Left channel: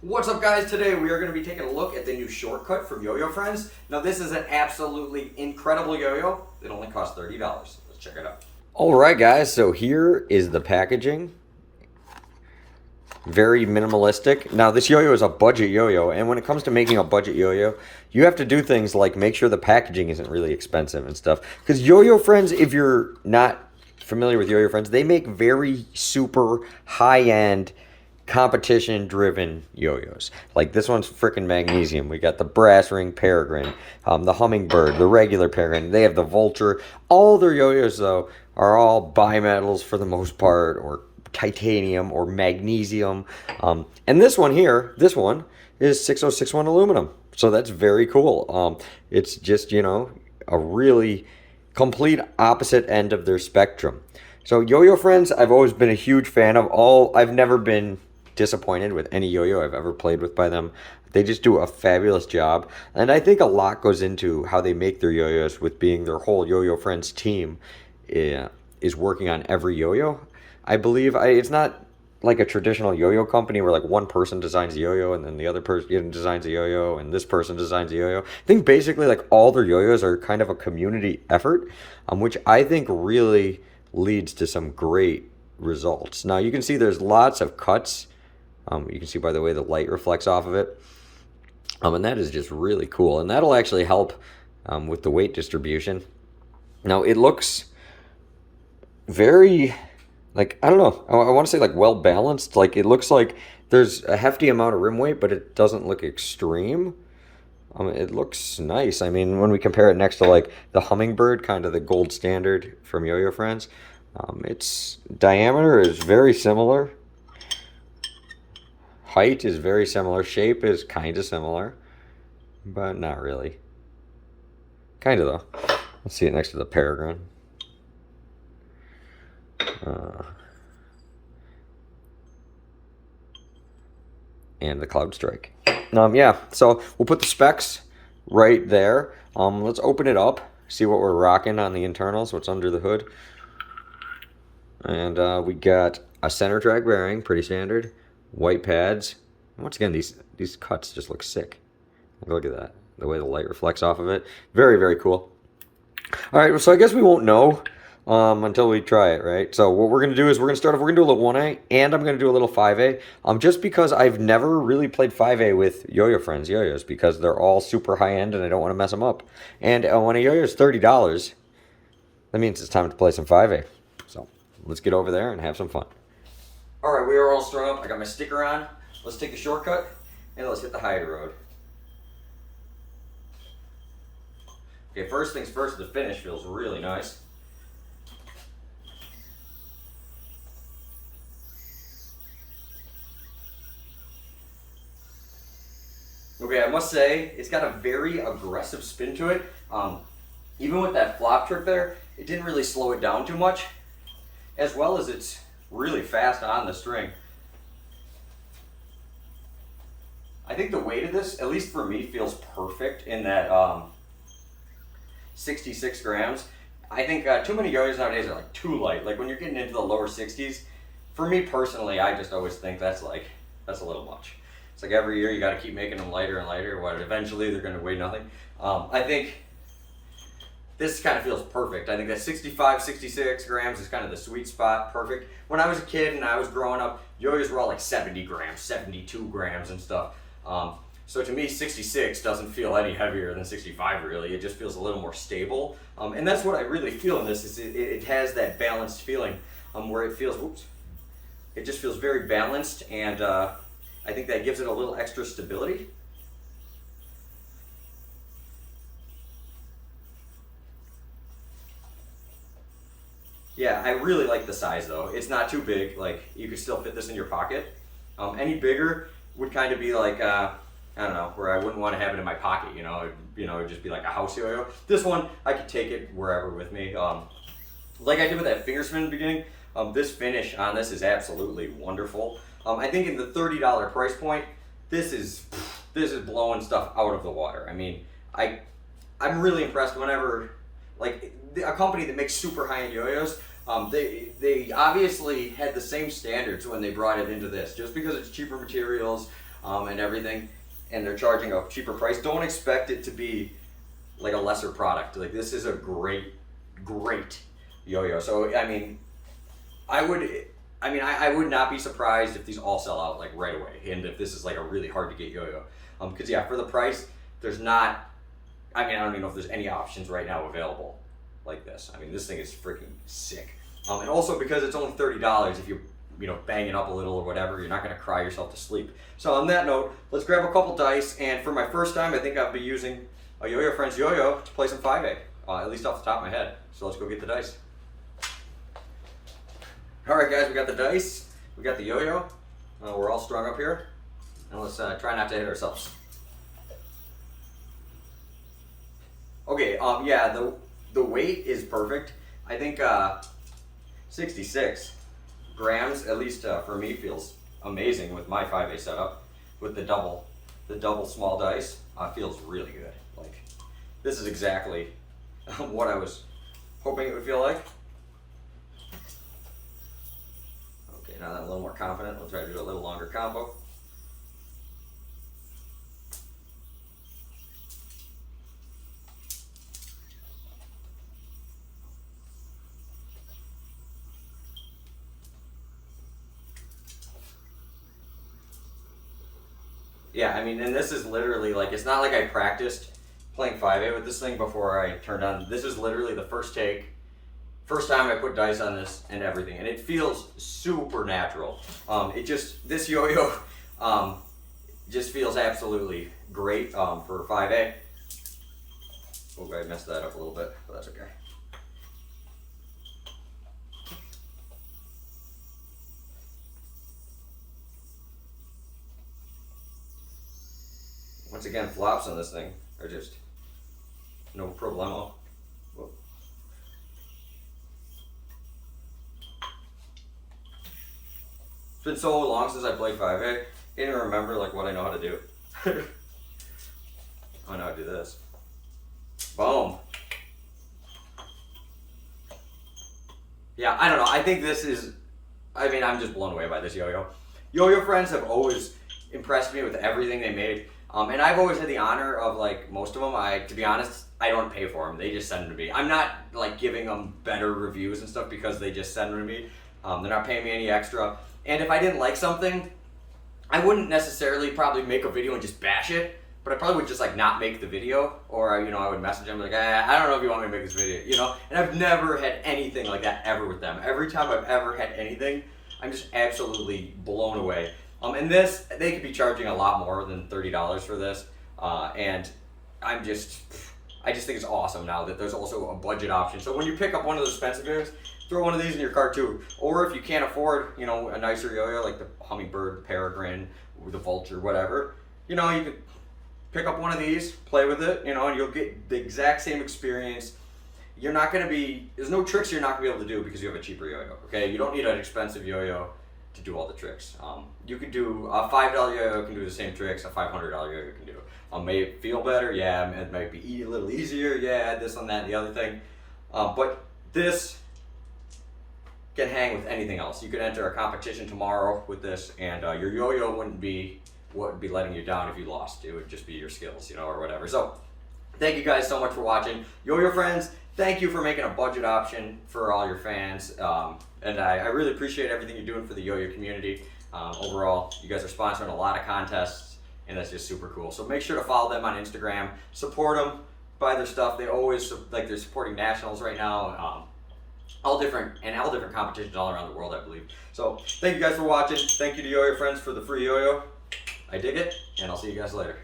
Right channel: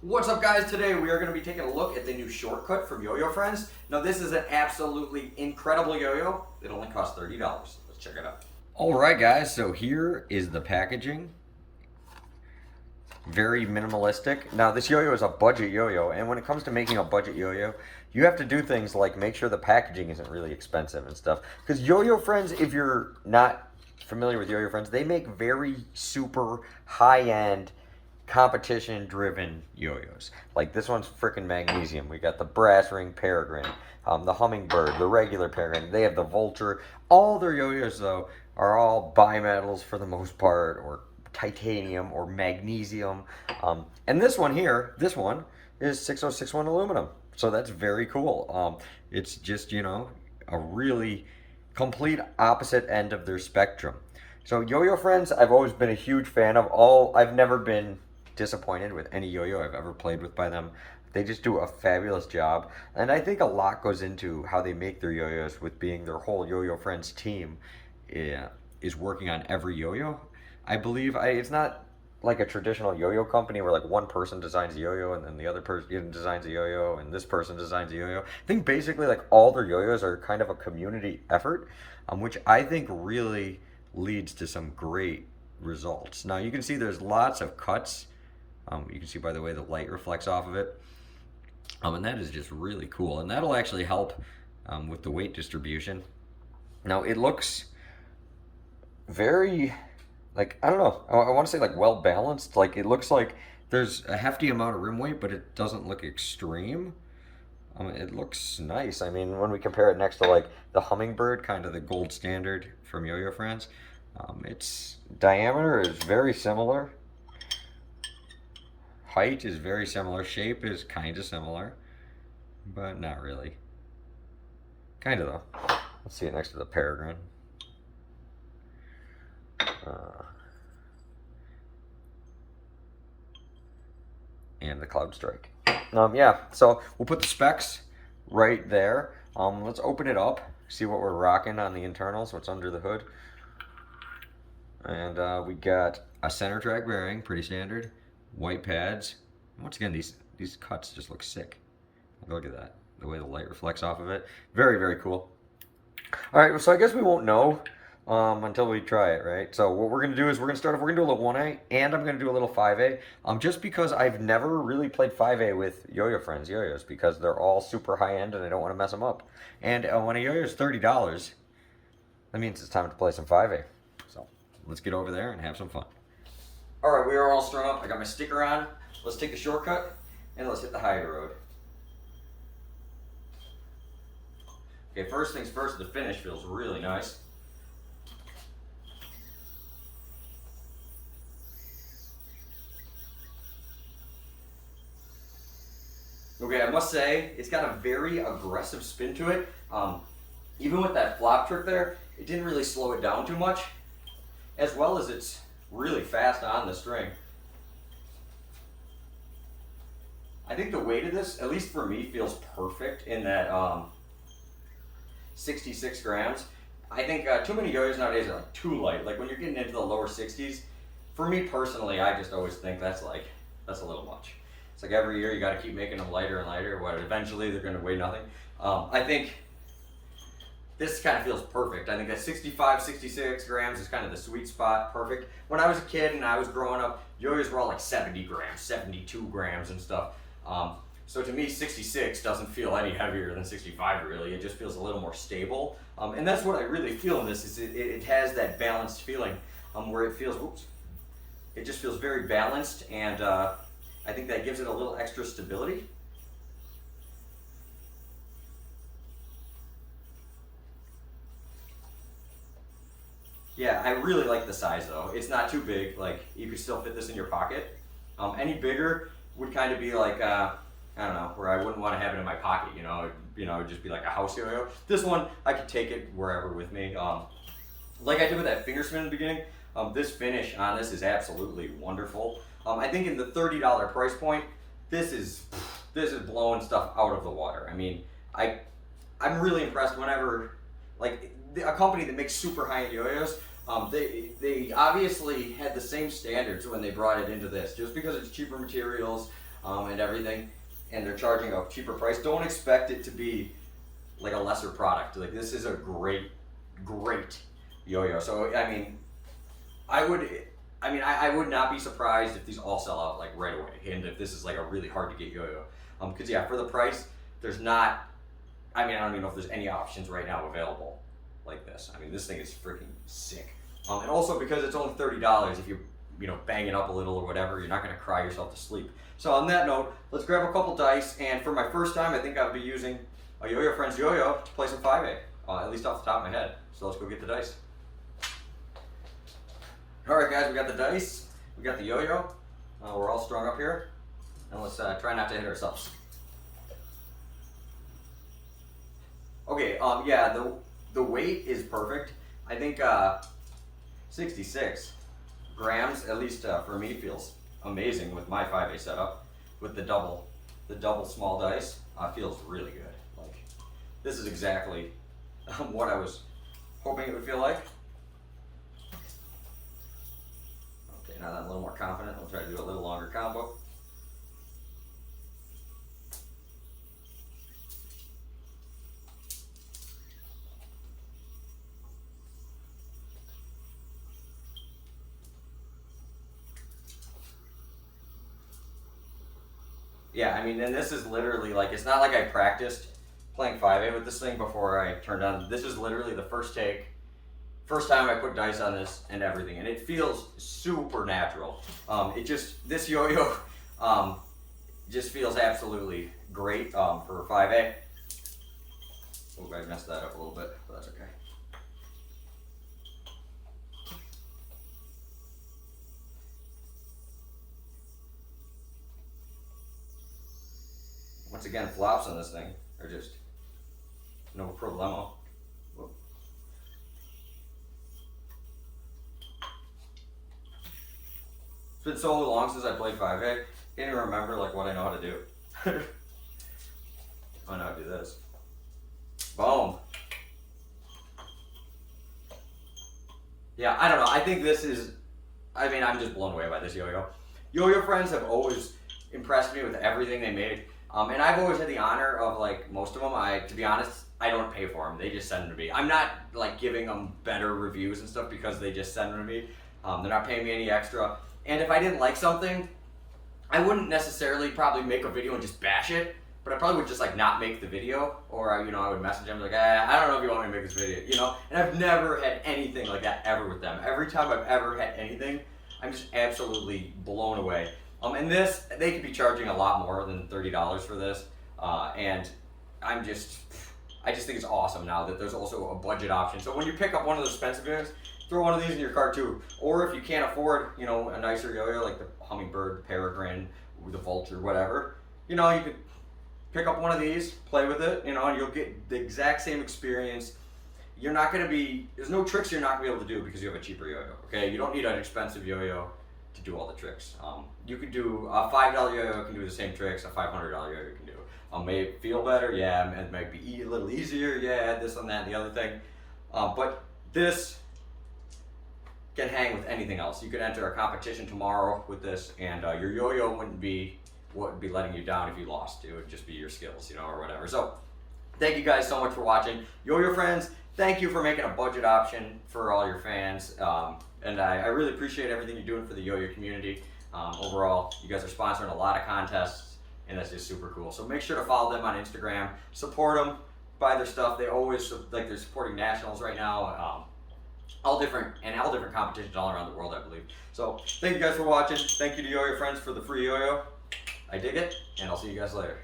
What's up, guys? Today we are going to be taking a look at the new shortcut from YOYOFRIENDS. Now this is an absolutely incredible yo-yo. It only costs $30. Let's check it out. Alright guys, so here is the packaging. Very minimalistic. Now this yo-yo is a budget yo-yo, and when it comes to making a budget yo-yo, you have to do things like make sure the packaging isn't really expensive and stuff. Because YOYOFRIENDS, if you're not familiar with YOYOFRIENDS, they make very super high-end competition driven yo-yos. Like this one's freaking magnesium. We got the brass ring peregrine, the hummingbird, the regular peregrine. They have the vulture. All their yo-yos though are all bimetals for the most part, or titanium or magnesium. And this one here, this one is 6061 aluminum. So that's very cool. It's just, you know, a really complete opposite end of their spectrum. So YOYOFRIENDS, I've always been a huge fan of. I've never been disappointed with any yo-yo I've ever played with by them. They just do a fabulous job, and I think a lot goes into how they make their yo-yos, with being their whole YOYOFRIENDS team is working on every yo-yo. I believe it's not like a traditional yo-yo company where like one person designs a yo-yo and then the other person designs a yo-yo and this person designs a yo-yo. I think basically like all their yo-yos are kind of a community effort, which I think really leads to some great results. Now you can see there's lots of cuts. You can see by the way the light reflects off of it. And that is just really cool. And that'll actually help with the weight distribution. Now it looks very, like, I don't know, I want to say like well balanced. Like it looks like there's a hefty amount of rim weight, but it doesn't look extreme. It looks nice. I mean, when we compare it next to like the hummingbird, kind of the gold standard from YOYOFRIENDS, its diameter is very similar. Height is very similar. Shape is kind of similar, but not really. Kind of though. Let's see it next to the peregrine. And the cloudstrike. Yeah, so we'll put the specs right there. Let's open it up, see what we're rocking on the internals, what's under the hood. And we got a center track bearing, pretty standard. White pads. Once again, these cuts just look sick. Look at that, the way the light reflects off of it. Very, very cool. All right, so I guess we won't know until we try it, right? So what we're gonna do is we're gonna do a little 1A, and I'm gonna do a little 5A. Just because I've never really played 5A with YOYOFRIENDS yo-yos, because they're all super high end and I don't want to mess them up. And when a yo-yo is $30, that means it's time to play some 5A. So let's get over there and have some fun. All right, we are all strung up. I got my sticker on. Let's take the shortcut and let's hit the higher road. Okay, first things first, the finish feels really nice. Okay, I must say, it's got a very aggressive spin to it. Even with that flop trick there, it didn't really slow it down too much, as well as it's really fast on the string. I think the weight of this, at least for me, feels perfect in that 66 grams. I think too many yo-yos nowadays are like too light. Like when you're getting into the lower 60s, for me personally, I just always think that's a little much. It's like every year you got to keep making them lighter and lighter. What, eventually they're going to weigh nothing. I think this kind of feels perfect. I think that 65, 66 grams is kind of the sweet spot, perfect. When I was a kid and I was growing up, yo-yos were all like 70 grams, 72 grams and stuff. So to me, 66 doesn't feel any heavier than 65 really. It just feels a little more stable. And that's what I really feel in this, is it has that balanced feeling where it feels, it just feels very balanced, and I think that gives it a little extra stability. Yeah, I really like the size though. It's not too big. Like you could still fit this in your pocket. Any bigger would kind of be like, I don't know, where I wouldn't want to have it in my pocket. It'd just be like a house yo-yo. This one, I could take it wherever with me. Like I did with that finger spin in the beginning. This finish on this is absolutely wonderful. I think in the $30 price point, this is blowing stuff out of the water. I mean, I'm really impressed whenever, like, a company that makes super high-end yo-yos, they obviously had the same standards when they brought it into this. Just because it's cheaper materials, and everything, and they're charging a cheaper price. Don't expect it to be like a lesser product. Like, this is a great yo-yo. So I mean, I would not be surprised if these all sell out like right away, and if this is like a really hard to get yo-yo. Because yeah, for the price, there's not. I mean, I don't even know if there's any options right now available like this. I mean, this thing is freaking sick. And also because it's only $30, if you bang it up a little or whatever, you're not gonna cry yourself to sleep. So on that note, let's grab a couple dice, and for my first time, I think I'll be using a YOYOFRIENDS yo-yo to play some 5A, at least off the top of my head. So let's go get the dice. All right, guys, we got the dice, we got the yo-yo. We're all strung up here, and let's try not to hit ourselves. Okay, yeah, the weight is perfect. I think 66 grams, at least for me, feels amazing with my 5A setup. With the double small dice, feels really good. Like, this is exactly what I was hoping it would feel like. Okay, now that I'm a little more confident, I'll try to do a little longer combo. Yeah, I mean, and this is literally like, it's not like I practiced playing 5A with this thing before I turned on. This is literally the first take, first time I put dice on this and everything, and it feels super natural. This yo-yo just feels absolutely great for 5A. Oh, I messed that up a little bit, but that's okay. Once again, flops on this thing are just no problemo. Whoa. It's been so long since I played 5A, I can't even remember like what I know how to do. I know how to do this. Boom. Yeah, I don't know. I think this is, I mean, I'm just blown away by this yo-yo. YOYOFRIENDS have always impressed me with everything they made. And I've always had the honor of, like, most of them, to be honest, I don't pay for them. They just send them to me. I'm not, like, giving them better reviews and stuff because they just send them to me. They're not paying me any extra. And if I didn't like something, I wouldn't necessarily probably make a video and just bash it, but I probably would just, like, not make the video. Or, I would message them like, I don't know if you want me to make this video, And I've never had anything like that ever with them. Every time I've ever had anything, I'm just absolutely blown away. And this, they could be charging a lot more than $30 for this, and I just think it's awesome now that there's also a budget option. So when you pick up one of those expensive videos, throw one of these in your cart too. Or if you can't afford, a nicer yo-yo like the hummingbird, the peregrine, or the vulture, whatever, you can pick up one of these, play with it, and you'll get the exact same experience. There's no tricks you're not gonna be able to do because you have a cheaper yo-yo. Okay, you don't need an expensive yo-yo to do all the tricks. You could do a $5 yo-yo can do the same tricks a $500 yo-yo can do. May it feel better? Yeah. It might be a little easier. Yeah, this one, that, and the other thing. But this can hang with anything else. You could enter a competition tomorrow with this, and your yo-yo wouldn't be what would be letting you down if you lost. It would just be your skills, or whatever. So thank you guys so much for watching. YOYOFRIENDS, thank you for making a budget option for all your fans. And I really appreciate everything you're doing for the yo-yo community. Overall, you guys are sponsoring a lot of contests, and that's just super cool. So make sure to follow them on Instagram, support them, buy their stuff. They always, they're supporting nationals right now, all different competitions all around the world, I believe. So thank you guys for watching. Thank you to YOYOFRIENDS for the free yo-yo. I dig it, and I'll see you guys later.